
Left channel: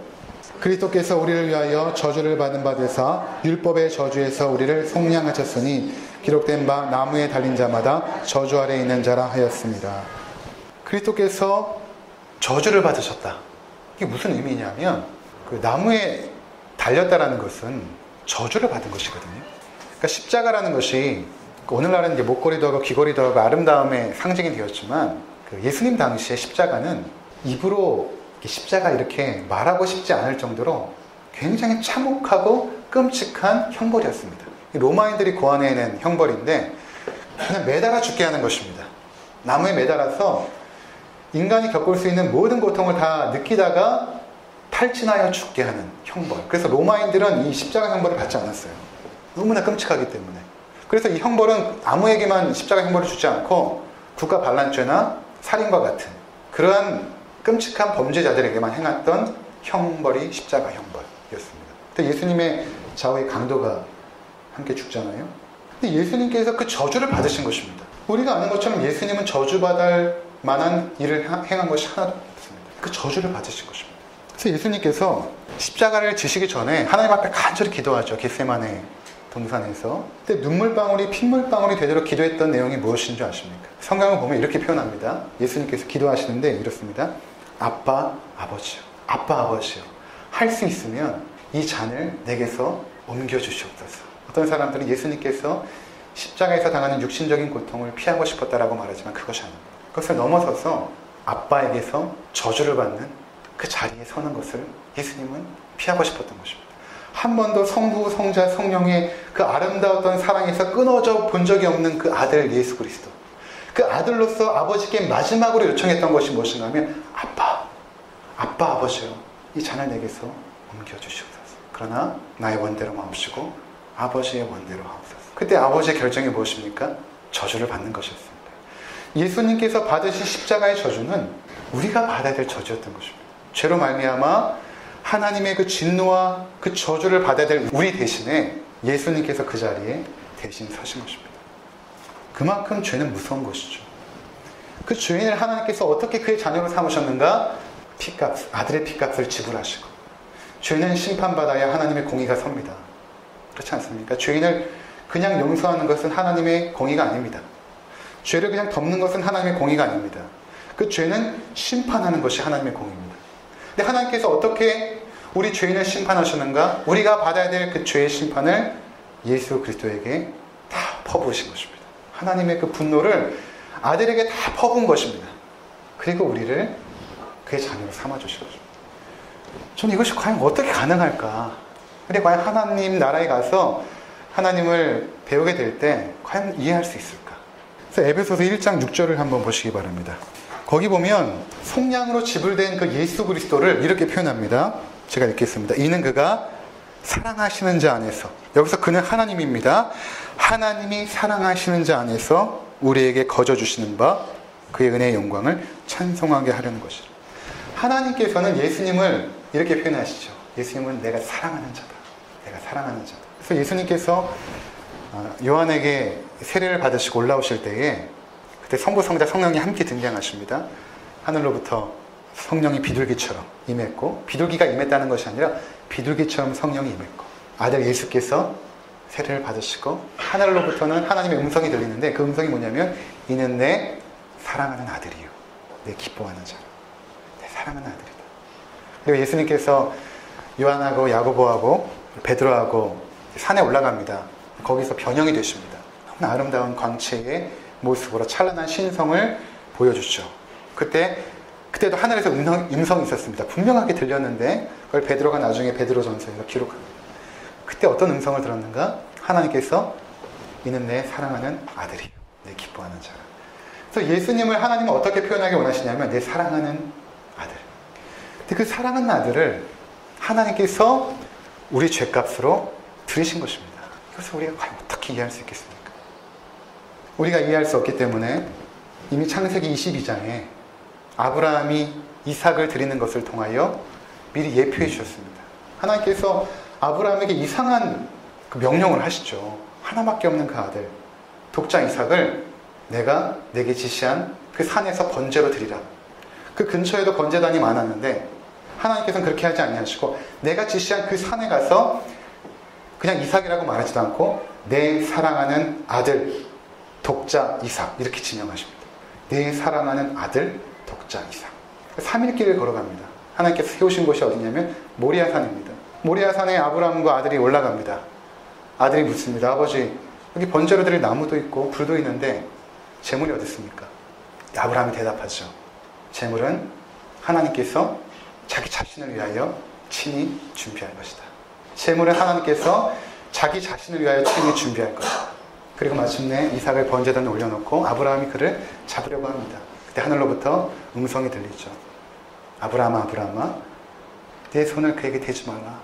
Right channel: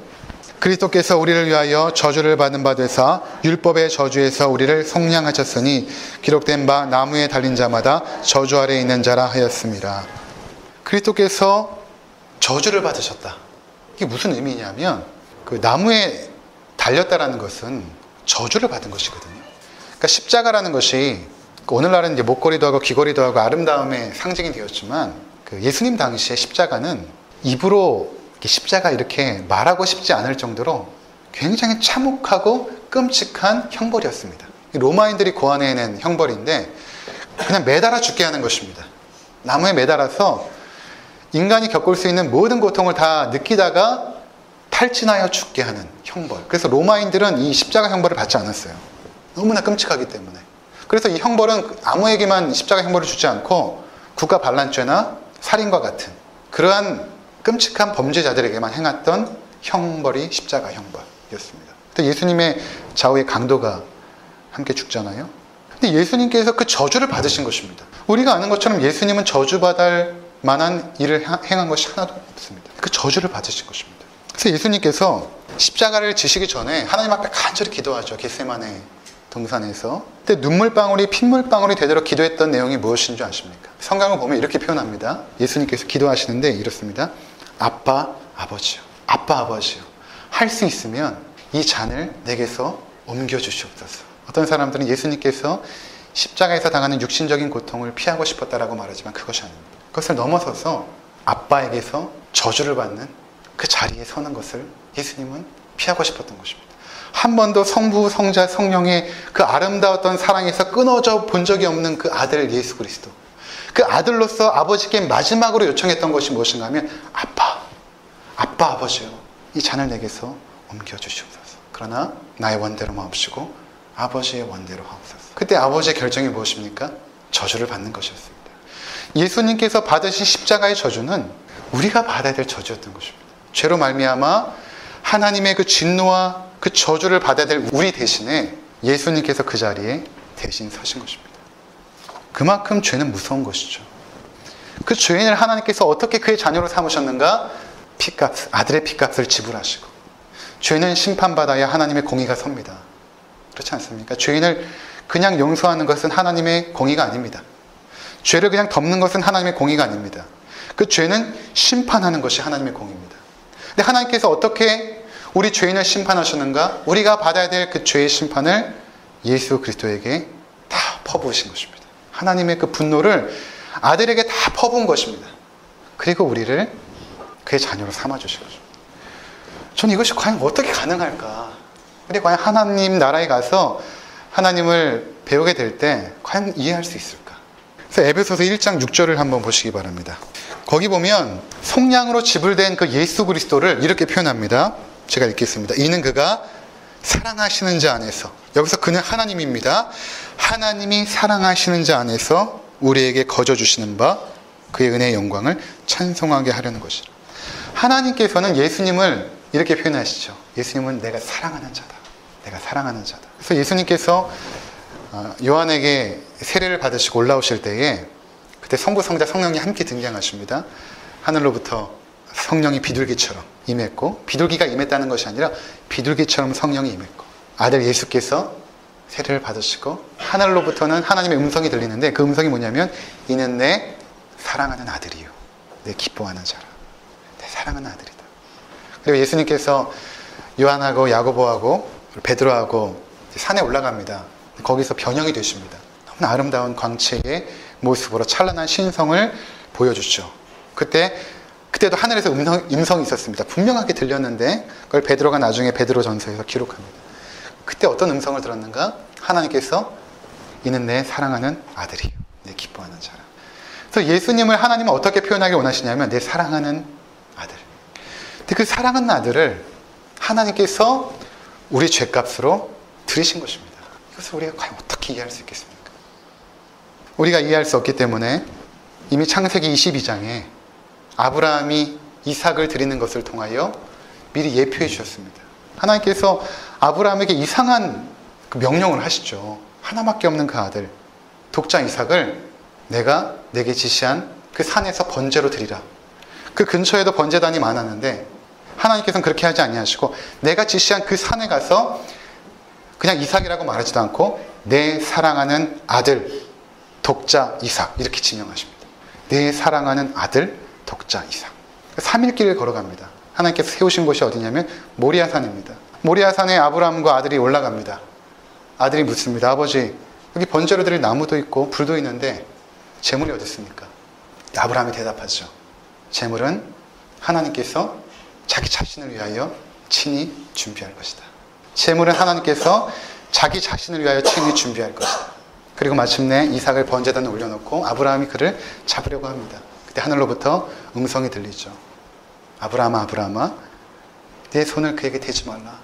그리스도께서 우리를 위하여 저주를 받은 바 되사 율법의 저주에서 우리를 속량하셨으니 기록된 바 나무에 달린 자마다 저주 아래에 있는 자라 하였습니다. 그리스도께서 저주를 받으셨다. 이게 무슨 의미냐면 그 나무에 달렸다라는 것은 저주를 받은 것이거든요. 그러니까 십자가라는 것이 오늘날은 이제 목걸이도 하고 귀걸이도 하고 아름다움의 상징이 되었지만 그 예수님 당시에 십자가는 입으로 십자가 이렇게 말하고 싶지 않을 정도로 굉장히 참혹하고 끔찍한 형벌이었습니다. 로마인들이 고안해낸 형벌인데 그냥 매달아 죽게 하는 것입니다. 나무에 매달아서 인간이 겪을 수 있는 모든 고통을 다 느끼다가 탈진하여 죽게 하는 형벌. 그래서 로마인들은 이 십자가 형벌을 받지 않았어요. 너무나 끔찍하기 때문에. 그래서 이 형벌은 아무에게만 십자가 형벌을 주지 않고 국가 반란죄나 살인과 같은 그러한 끔찍한 범죄자들에게만 행했던 형벌이 십자가 형벌이었습니다. 또 예수님의 좌우의 강도가 함께 죽잖아요. 근데 예수님께서 그 저주를 받으신 것입니다. 우리가 아는 것처럼 예수님은 저주받을 만한 일을 행한 것이 하나도 없습니다. 그 저주를 받으신 것입니다. 그래서 예수님께서 십자가를 지시기 전에 하나님 앞에 간절히 기도하죠. 겟세마네 동산에서. 그때 눈물방울이 핏물방울이 되도록 기도했던 내용이 무엇인 줄 아십니까? 성경을 보면 이렇게 표현합니다. 예수님께서 기도하시는데 이렇습니다. 아빠 아버지요. 아빠 아버지요. 할 수 있으면 이 잔을 내게서 옮겨주시옵소서. 어떤 사람들은 예수님께서 십자가에서 당하는 육신적인 고통을 피하고 싶었다라고 말하지만 그것이 아닙니다. 그것을 넘어서서 아빠에게서 저주를 받는 그 자리에 서는 것을 예수님은 피하고 싶었던 것입니다. 한 번도 성부, 성자, 성령의 그 아름다웠던 사랑에서 끊어져 본 적이 없는 그 아들 예수 그리스도. 그 아들로서 아버지께 마지막으로 요청했던 것이 무엇인가 하면 아빠 아버지요. 이 잔을 내게서 옮겨주시옵소서. 그러나 나의 원대로 마옵시고 아버지의 원대로 하옵소서. 그때 아버지의 결정이 무엇입니까? 저주를 받는 것이었습니다. 예수님께서 받으신 십자가의 저주는 우리가 받아야 될 저주였던 것입니다. 죄로 말미암아 하나님의 그 진노와 그 저주를 받아야 될 우리 대신에 예수님께서 그 자리에 대신 서신 것입니다. 그만큼 죄는 무서운 것이죠. 그 죄인을 하나님께서 어떻게 그의 자녀로 삼으셨는가? 피값, 아들의 피값을 지불하시고 죄는 심판받아야 하나님의 공의가 섭니다. 그렇지 않습니까? 죄인을 그냥 용서하는 것은 하나님의 공의가 아닙니다. 죄를 그냥 덮는 것은 하나님의 공의가 아닙니다. 그 죄는 심판하는 것이 하나님의 공의입니다. 근데 하나님께서 어떻게 우리 죄인을 심판하시는가? 우리가 받아야 될 그 죄의 심판을 예수 그리스도에게 다 퍼부으신 것입니다. 하나님의 그 분노를 아들에게 다 퍼부은 것입니다. 그리고 우리를 그의 자녀로 삼아주신 것입니다. 저는 이것이 과연 어떻게 가능할까? 근데 과연 하나님 나라에 가서 하나님을 배우게 될 때 과연 이해할 수 있을까? 그래서 에베소서 1장 6절을 한번 보시기 바랍니다. 거기 보면 속량으로 지불된 그 예수 그리스도를 이렇게 표현합니다. 제가 읽겠습니다. 이는 그가 사랑하시는 자 안에서, 여기서 그는 하나님입니다. 하나님이 사랑하시는 자 안에서 우리에게 거저 주시는 바 그의 은혜의 영광을 찬송하게 하려는 것이라. 하나님께서는 예수님을 이렇게 표현하시죠. 예수님은 내가 사랑하는 자다. 내가 사랑하는 자다. 그래서 예수님께서 요한에게 세례를 받으시고 올라오실 때에 그때 성부, 성자, 성령이 함께 등장하십니다. 하늘로부터 성령이 비둘기처럼 임했고, 비둘기가 임했다는 것이 아니라 비둘기처럼 성령이 임했고, 아들 예수께서 세례를 받으시고 하늘로부터는 하나님의 음성이 들리는데 그 음성이 뭐냐면 이는 내 사랑하는 아들이요 내 기뻐하는 자라. 내 사랑하는 아들이다. 그리고 예수님께서 요한하고 야고보하고 베드로하고 산에 올라갑니다. 거기서 변형이 되십니다. 너무나 아름다운 광채의 모습으로 찬란한 신성을 보여주죠. 그때도 하늘에서 음성이 있었습니다. 분명하게 들렸는데 그걸 베드로가 나중에 베드로전서에서 기록합니다. 그때 어떤 음성을 들었는가? 하나님께서 이는 내 사랑하는 아들이요 내 기뻐하는 자라. 그래서 예수님을 하나님은 어떻게 표현하기 원하시냐면 내 사랑하는 아들. 근데 그 사랑하는 아들을 하나님께서 우리 죄값으로 들이신 것입니다. 이것을 우리가 과연 어떻게 이해할 수 있겠습니까? 우리가 이해할 수 없기 때문에 이미 창세기 22장에 아브라함이 이삭을 드리는 것을 통하여 미리 예표해 주셨습니다. 하나님께서 아브라함에게 이상한 그 명령을 하시죠. 하나밖에 없는 그 아들, 독자 이삭을 내가 내게 지시한 그 산에서 번제로 드리라. 그 근처에도 번제단이 많았는데 하나님께서는 그렇게 하지 아니하시고 내가 지시한 그 산에 가서 그냥 이삭이라고 말하지도 않고 내 사랑하는 아들, 독자 이삭 이렇게 지명하십니다. 내 사랑하는 아들, 독자 이삭. 3일 길을 걸어갑니다. 하나님께서 세우신 곳이 어디냐면 모리아산입니다. 모리아산에 아브라함과 아들이 올라갑니다. 아들이 묻습니다. 아버지, 여기 번제로 드릴 나무도 있고 불도 있는데 제물이 어디 있습니까? 아브라함이 대답하죠. 제물은 하나님께서 자기 자신을 위하여 친히 준비할 것이다. 제물은 하나님께서 자기 자신을 위하여 친히 준비할 것이다. 그리고 마침내 이삭을 번제단에 올려놓고 아브라함이 그를 잡으려고 합니다. 그때 하늘로부터 음성이 들리죠. 아브라함아, 아브라함아, 내 손을 그에게 대지 말라.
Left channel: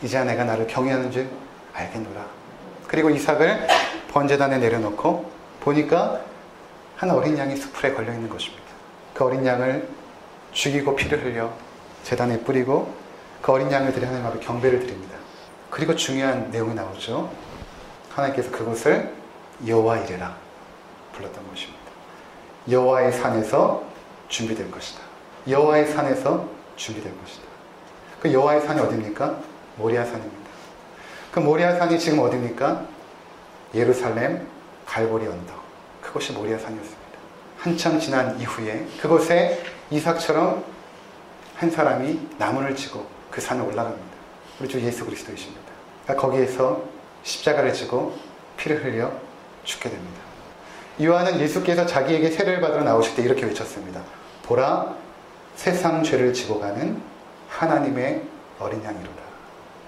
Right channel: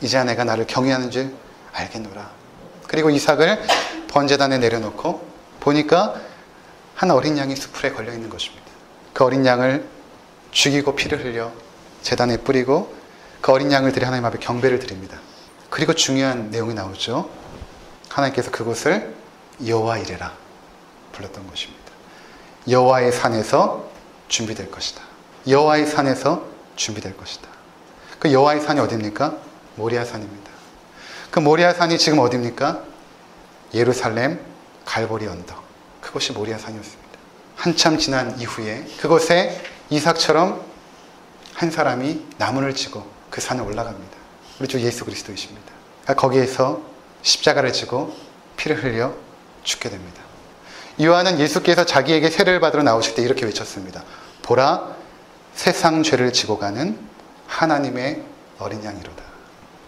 이제야 내가 나를 경외하는 줄 알겠노라. 그리고 이삭을 번제단에 내려놓고 보니까 한 어린 양이 수풀에 걸려있는 것입니다. 그 어린 양을 죽이고 피를 흘려 제단에 뿌리고 그 어린 양을 들여 하나님 앞에 경배를 드립니다. 그리고 중요한 내용이 나오죠. 하나님께서 그곳을 여호와 이레라 불렀던 것입니다. 여호와의 산에서 준비될 것이다. 여호와의 산에서 준비될 것이다. 그 여호와의 산이 어디입니까? 모리아 산입니다. 그 모리아 산이 지금 어디입니까? 예루살렘 갈보리 언덕. 그것이 모리아 산이었습니다. 한참 지난 이후에 그곳에 이삭처럼 한 사람이 나무를 지고 그 산에 올라갑니다. 우리 주 예수 그리스도이십니다. 거기에서 십자가를 지고 피를 흘려 죽게 됩니다. 요한은 예수께서 자기에게 세례를 받으러 나오실 때 이렇게 외쳤습니다. 보라, 세상 죄를 지고 가는 하나님의 어린 양이로다.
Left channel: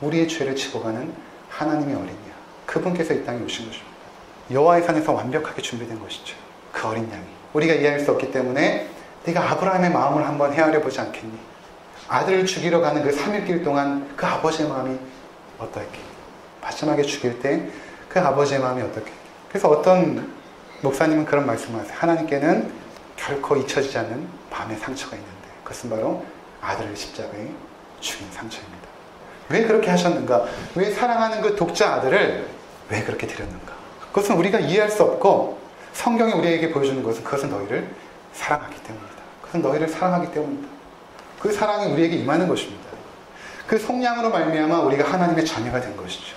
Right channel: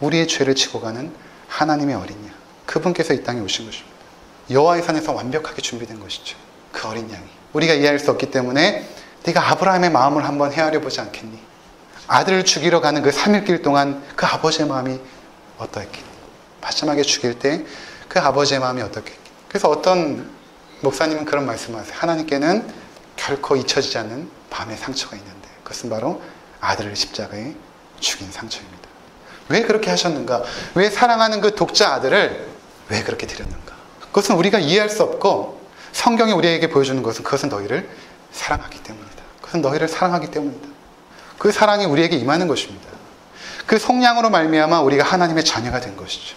우리의 죄를 지고 가는 하나님의 어린 양. 그분께서 이 땅에 오신 것입니다. 여호와의 산에서 완벽하게 준비된 것이죠. 그 어린 양이. 우리가 이해할 수 없기 때문에 네가 아브라함의 마음을 한번 헤아려 보지 않겠니? 아들을 죽이러 가는 그 3일 동안 그 아버지의 마음이 어떠했겠니? 마지막에 죽일 때 그 아버지의 마음이 어떻겠니? 그래서 어떤 목사님은 그런 말씀을 하세요. 하나님께는 결코 잊혀지지 않는 밤의 상처가 있는데 그것은 바로 아들을 십자가에 죽인 상처입니다. 왜 그렇게 하셨는가? 왜 사랑하는 그 독자 아들을 왜 그렇게 드렸는가? 그것은 우리가 이해할 수 없고 성경이 우리에게 보여주는 것은 그것은 너희를 사랑하기 때문이다. 그것은 너희를 사랑하기 때문이다. 그 사랑이 우리에게 임하는 것입니다. 그 속량으로 말미암아 우리가 하나님의 자녀가 된 것이죠.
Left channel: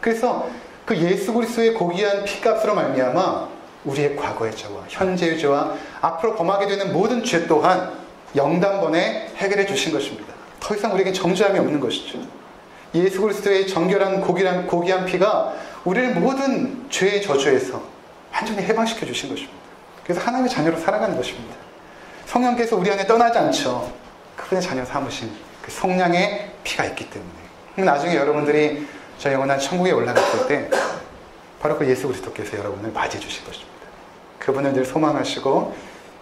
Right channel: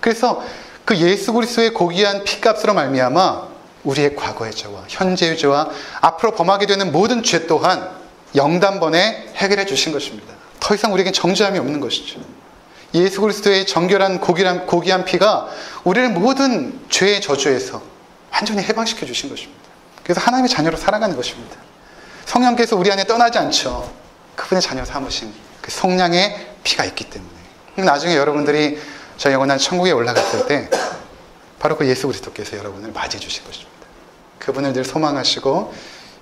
그래서 그 예수 그리스도의 고귀한 피값으로 말미암아 우리의 과거의 죄와 현재의 죄와 앞으로 범하게 되는 모든 죄 또한 영단번에 해결해 주신 것입니다. 더 이상 우리에게 정죄함이 없는 것이죠. 예수 그리스도의 정결한 고귀한 피가 우리를 모든 죄의 저주에서 완전히 해방시켜 주신 것입니다. 그래서 하나님의 자녀로 살아가는 것입니다. 성령께서 우리 안에 떠나지 않죠. 그분의 자녀 삼으신 그 성량의 피가 있기 때문에. 나중에 여러분들이 저 영원한 천국에 올라갔을 때 바로 그 예수 그리스도께서 여러분을 맞이해 주실 것입니다. 그분을 늘 소망하시고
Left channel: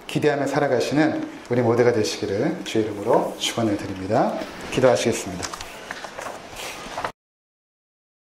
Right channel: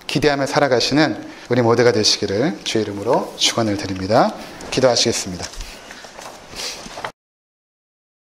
기대하며 살아가시는 우리 모두가 되시기를 주의 이름으로 축원을 드립니다. 기도하시겠습니다.